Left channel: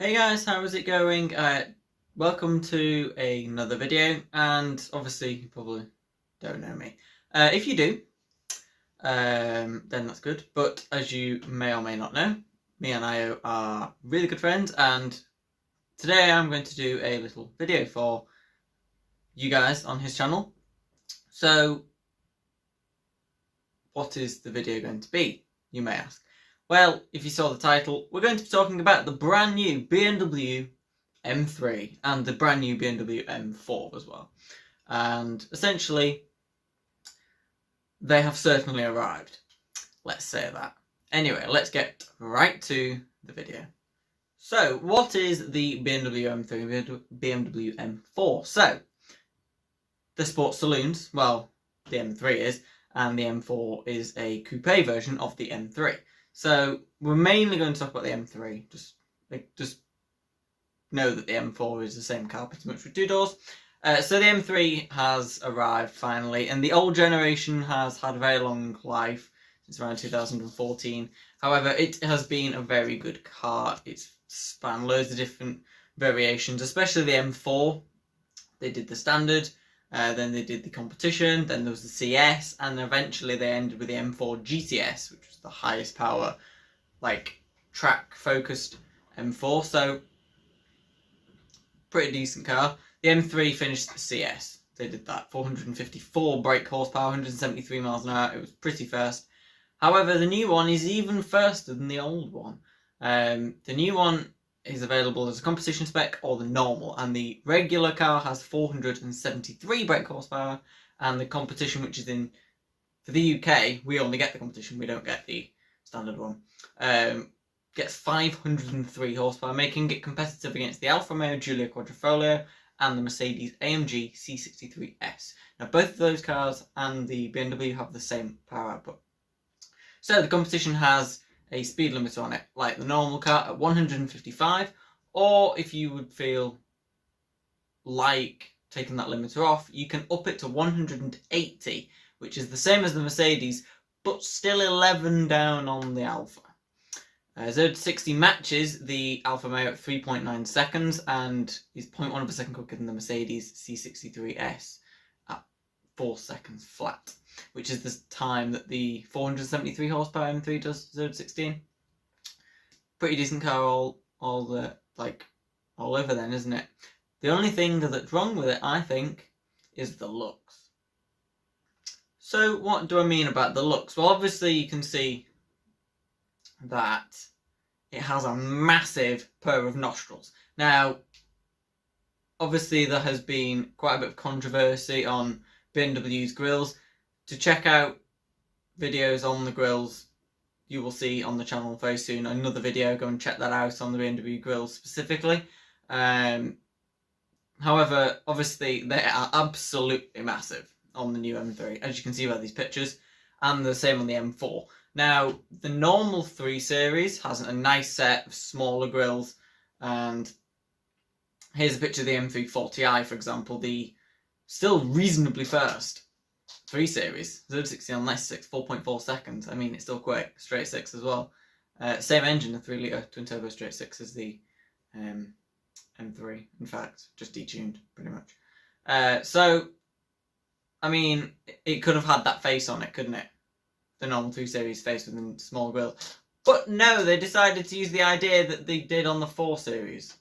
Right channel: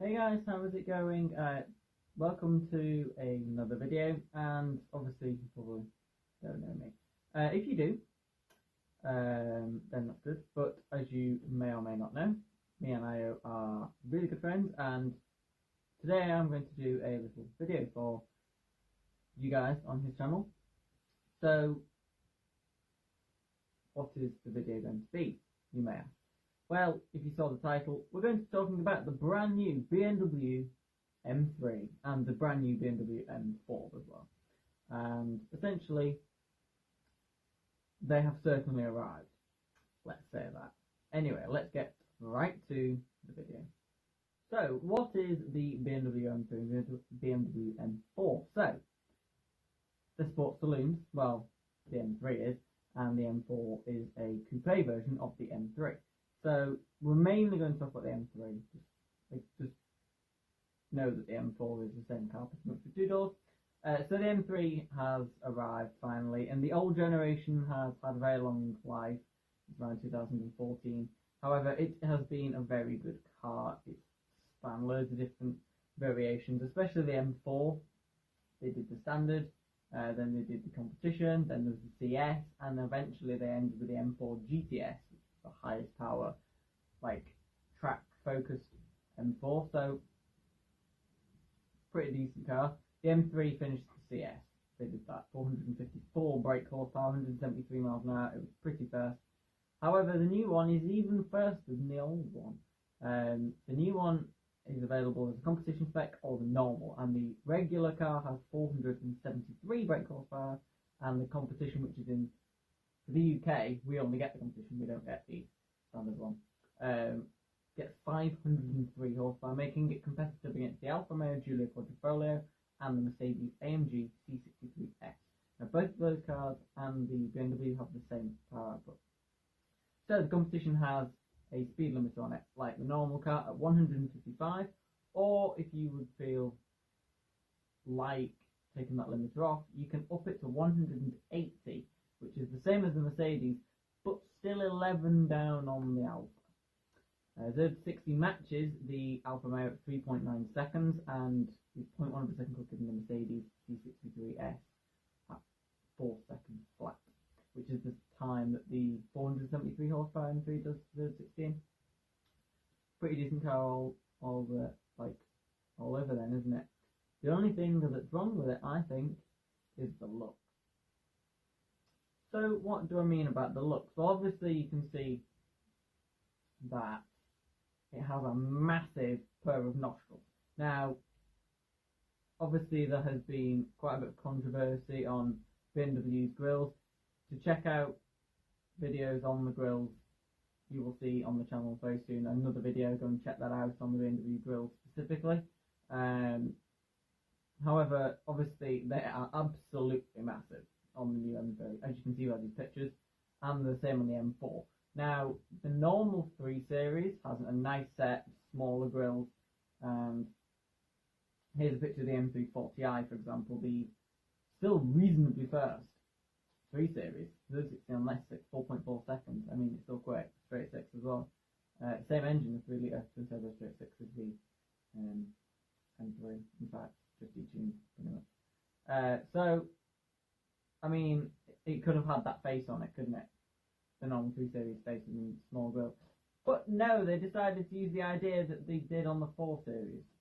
Hey guys, how is it going? Welcome to another video, and obviously you probably don't know me. If you do, then that's good. But as you may or may not know, me and Io are really good friends, and today I'm going to do a little video for you guys on his channel. So, what is the video going to be, you may ask? Well, if you saw the title, we're going to be talking about the brand new BMW M3 and the brand new BMW M4 as well. And essentially, they have certainly arrived. Let's say that. Anyway, let's get right to the video. So, what is the BMW M3, BMW M4? So, the sports saloons, well, the M3 is, and the M4 is a coupe version of the M3. So, we're mainly going to talk about the M3, just know that the M4 is the same car pretty much with two doors. So the M3 has arrived finally, and the old generation has had a very long life since around 2014. However, it has been a very good car. It's spanned loads of different variations, especially the M4. They did the standard, then they did the competition, then there was the CS, and eventually they ended with the M4 GTS, which was the highest power, like track focused M4. So pretty decent car. The M3 finished the CS. They did that. 454 brake horsepower, 173 miles an hour. It was pretty fast. However, the new one is even faster than the old one. The new one is available as a competition spec or the normal, and the regular car has 473 brake horsepower, and the competition, which is in for the UK, we only get the competition, we don't get the standard one. Gets 503 horsepower, making it competitive against the Alfa Romeo Giulia Quadrifoglio and the Mercedes-AMG C63S. Now, both of those cars and the BMW have the same power output. So the competition has a speed limiter on it, like the normal car, at 155, or if you would feel like taking that limiter off, you can up it to 180, which is the same as the Mercedes, but still 11 down on the Alfa. 0 to 60 matches the Alfa Romeo at 3.9 seconds and is 0.1 of a second quicker than the Mercedes C63S at 4 seconds flat, which is the time that the 473 horsepower M3 does 0 to 16. Pretty decent car all over then, isn't it? The only thing that's wrong with it, I think, is the looks. So what do I mean about the looks? Well, obviously you can see that it has a massive pair of nostrils. Now, obviously there has been quite a bit of controversy on BMW's grills. To check out videos on the grills, you will see on the channel very soon another video. Go and check that out on the BMW grills specifically. However, obviously they are absolutely massive on the new M3, as you can see by these pictures, and the same on the M4. Now, the normal 3 Series has a nice set of smaller grills, and here's a picture of the M340i, for example, the still reasonably fast 3 Series, 0 to 60 on less 6, 4.4 seconds. I mean, it's still quick, straight 6 as well. Same engine, a 3-litre twin-turbo straight 6 as the M3, in fact, just detuned, pretty much. So, I mean, it could have had that face on it, couldn't it? The normal 3 Series face with a small grille. But no, they decided to use the idea that they did on the 4 Series.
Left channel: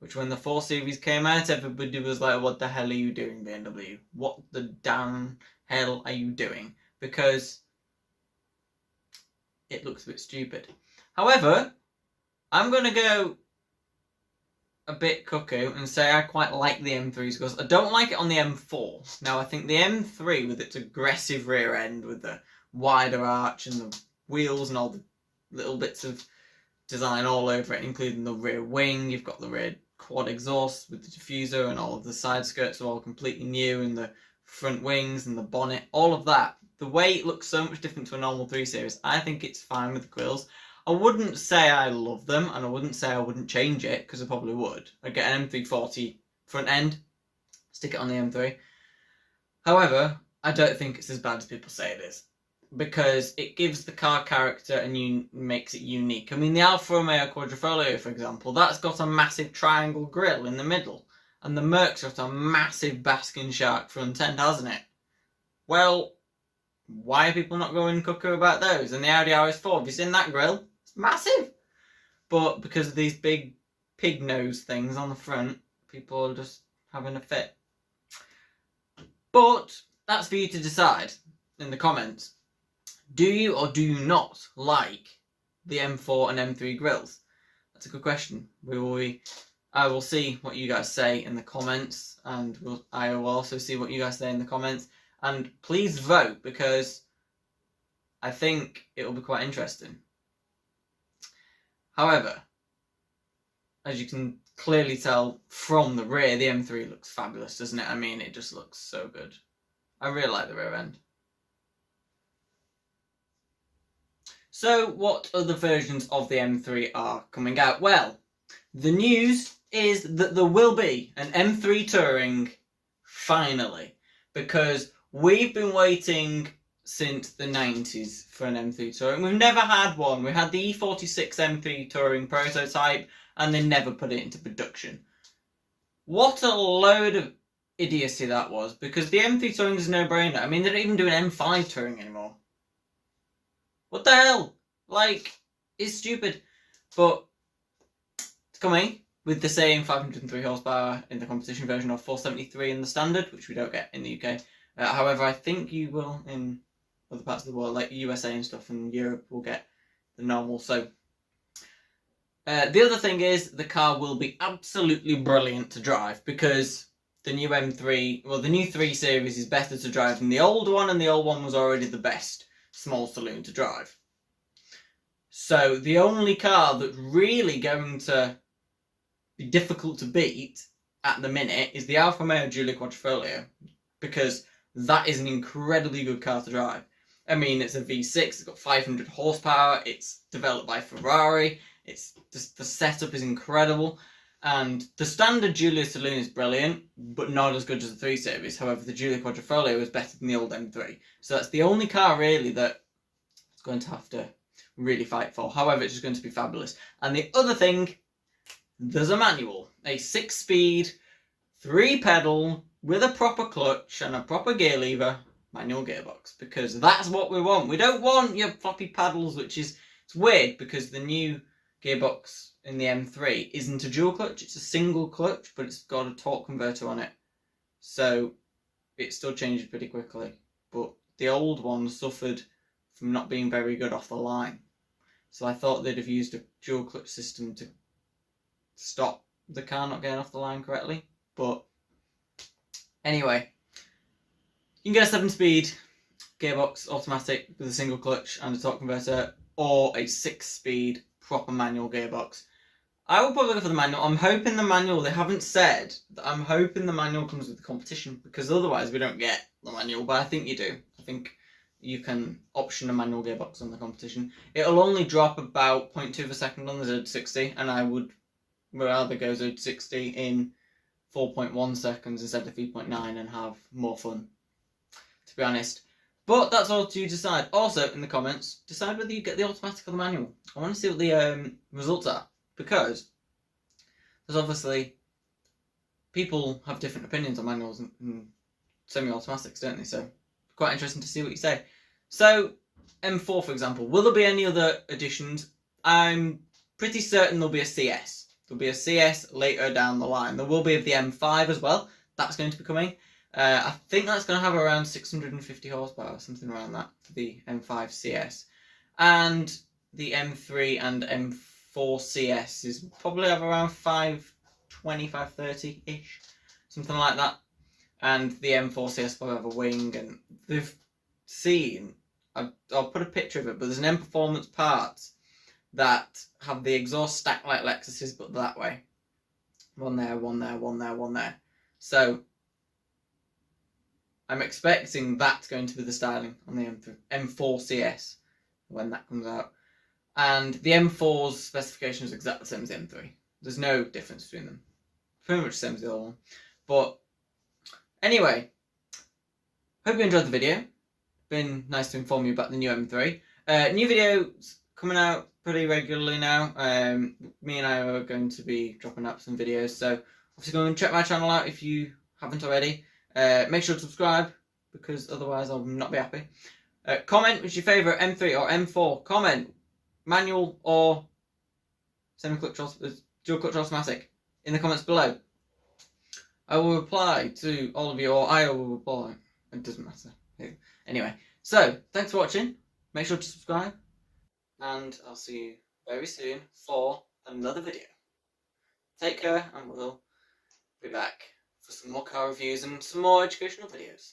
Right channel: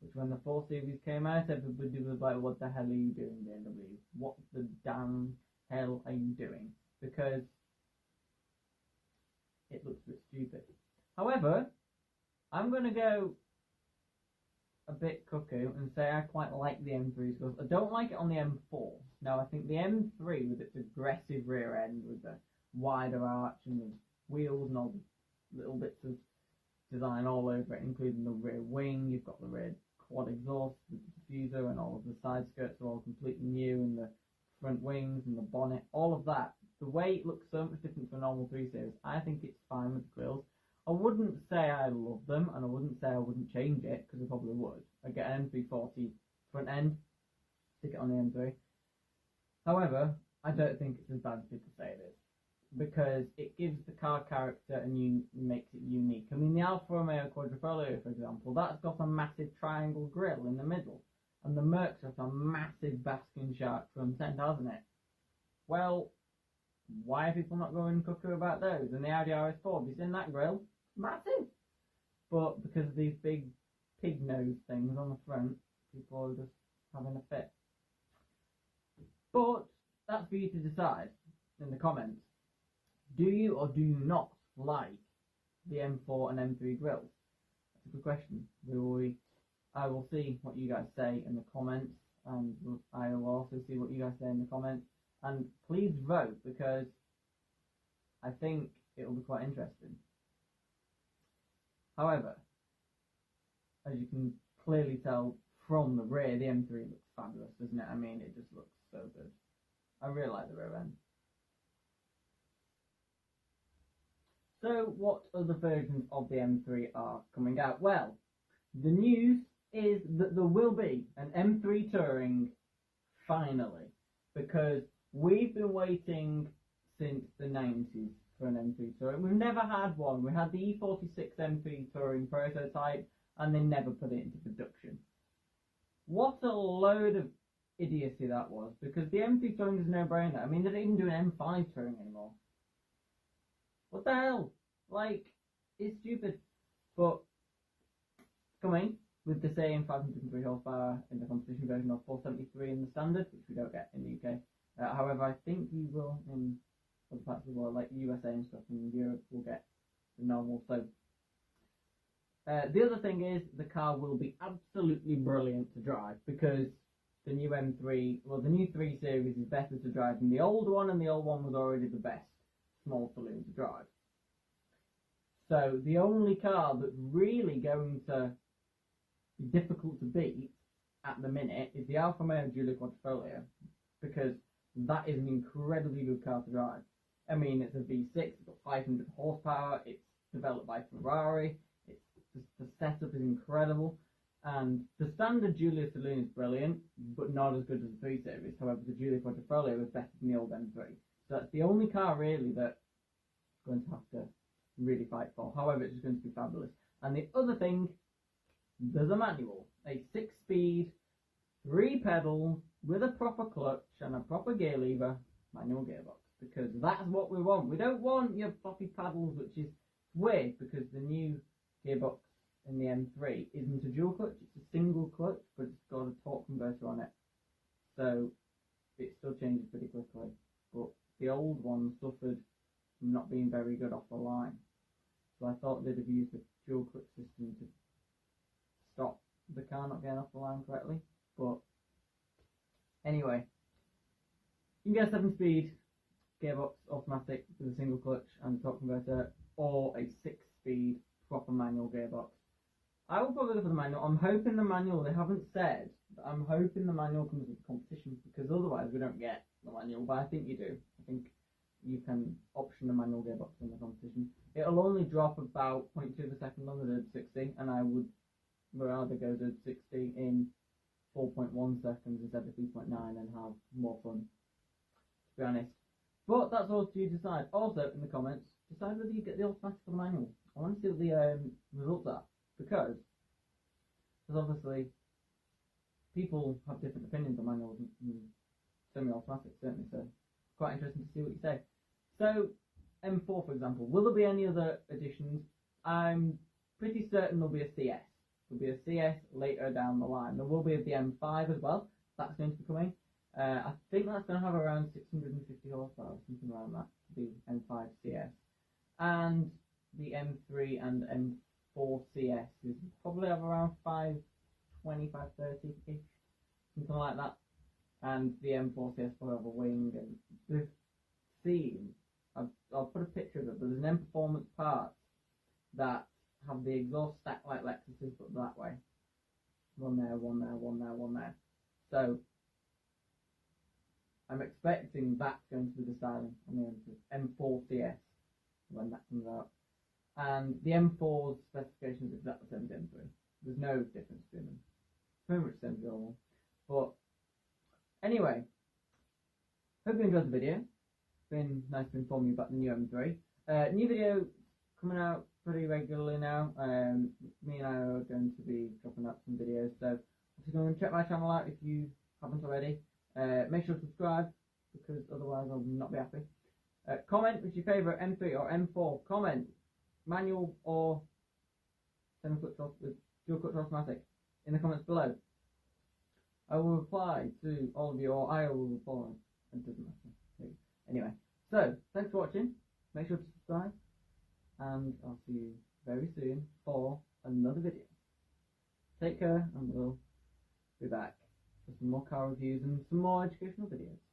Which when the 4 Series came out, everybody was like, what the hell are you doing, BMW? What the damn hell are you doing? Because it looks a bit stupid. However, I'm going to go a bit cuckoo and say I quite like the M3's because I don't like it on the M4. Now, I think the M3 with its aggressive rear end with the wider arch and the wheels and all the little bits of design all over it, including the rear wing. You've got the rear quad exhaust with the diffuser, and all of the side skirts are all completely new, and the front wings and the bonnet, all of that. The way it looks so much different to a normal 3 Series, I think it's fine with the grills. I wouldn't say I love them, and I wouldn't say I wouldn't change it, because I probably would. I'd get an M340 front end, stick it on the M3. However, I don't think it's as bad as people say it is. because it gives the car character and makes it unique. I mean, the Alfa Romeo Quadrifoglio, for example, that's got a massive triangle grille in the middle, and the Merc's got a massive basking shark front end, hasn't it? Well, why are people not going cuckoo about those? And the Audi RS4, have you seen that grille? It's massive! But because of these big pig nose things on the front, people are just having a fit. But that's for you to decide in the comments. Do you or do you not like the M4 and M3 grills? That's a good question. I will see what you guys say in the comments, and I will also see what you guys say in the comments. And please vote, because I think it will be quite interesting. However, as you can clearly tell from the rear, the M3 looks fabulous, doesn't it? I mean, it just looks so good. I really like the rear end. So, what other versions of the M3 are coming out? Well, the news is that there will be an M3 Touring, finally, because we've been waiting since the 90s for an M3 Touring. We've never had one. We had the E46 M3 Touring prototype, and they never put it into production. What a load of idiocy that was, because the M3 Touring is a no-brainer. I mean, they don't even do an M5 Touring anymore. What the hell? Like, it's stupid. But it's coming with the same 503 horsepower in the competition version of 473 in the standard, which we don't get in the UK. However, I think you will in other parts of the world, like USA and stuff, and Europe will get the normal. So, the other thing is, the car will be absolutely brilliant to drive, because the new M3, well, the new 3 Series is better to drive than the old one, and the old one was already the best small saloon to drive. So the only car that's really going to be difficult to beat at the minute is the Alfa Romeo Giulia Quadrifoglio, because that is an incredibly good car to drive. I mean, it's a V6, it's got 500 horsepower, it's developed by Ferrari, it's just, the setup is incredible, and the standard Giulia Saloon is brilliant, but not as good as the 3 Series. However, the Giulia Quadrifoglio is better than the old M3. So that's the only car really that it's going to have to really fight for. However, it's just going to be fabulous. And the other thing, there's a manual, a 6-speed, 3-pedal, with a proper clutch and a proper gear lever, manual gearbox, because that's what we want. We don't want your floppy paddles, which is, it's weird, because the new gearbox in the M3 isn't a dual clutch, it's a single clutch, but it's got a torque converter on it, so it still changes pretty quickly. But the old one suffered from not being very good off the line, so I thought they'd have used a dual clutch system to stop the car not getting off the line correctly. But anyway, you can get a 7-speed gearbox automatic with a single clutch and a torque converter, or a 6-speed proper manual gearbox. I will probably go for the manual. I'm hoping the manual, they haven't said, I'm hoping the manual comes with the competition, because otherwise we don't get the manual, but I think you do. I think you can option a manual gearbox on the competition. It'll only drop about 0.2 of a second on the Z60, and I would rather go Z60 in 4.1 seconds instead of 3.9 and have more fun, to be honest. But that's all to you decide. Also, in the comments, decide whether you get the automatic or the manual. I want to see what the results are, because there's obviously, people have different opinions on manuals and semi-automatics, don't they? So, quite interesting to see what you say. So, M4, for example, will there be any other additions? I'm pretty certain there'll be a CS. There'll be a CS later down the line. There will be of the M5 as well. That's going to be coming. I think that's going to have around 650 horsepower, something around that, for the M5 CS. And the M3 and M4 CS is probably have around 520, 530-ish, something like that. And the M4 CS will have a wing, and they've seen, I'll put a picture of it, but there's an M Performance parts that have the exhaust stacked like Lexus's, but that way. One there, one there, one there, one there. So, I'm expecting that's going to be the styling on the M4 CS when that comes out. And the M4's specification is exactly the same as the M3. There's no difference between them. Pretty much the same as the other one. But anyway, hope you enjoyed the video. been nice to inform you about the new M3. New videos coming out pretty regularly now. Me and I are going to be dropping up some videos, so obviously go and check my channel out if you haven't already. Make sure to subscribe, because otherwise I'll not be happy. Comment which your favourite M3 or M4. Comment manual or semi-clutch dual clutch automatic in the comments below. I will reply to all of you, or I will reply. It doesn't matter. Anyway, so thanks for watching. Make sure to subscribe, and I'll see you very soon for another video. Take care, and we'll be back for some more car reviews and some more educational videos.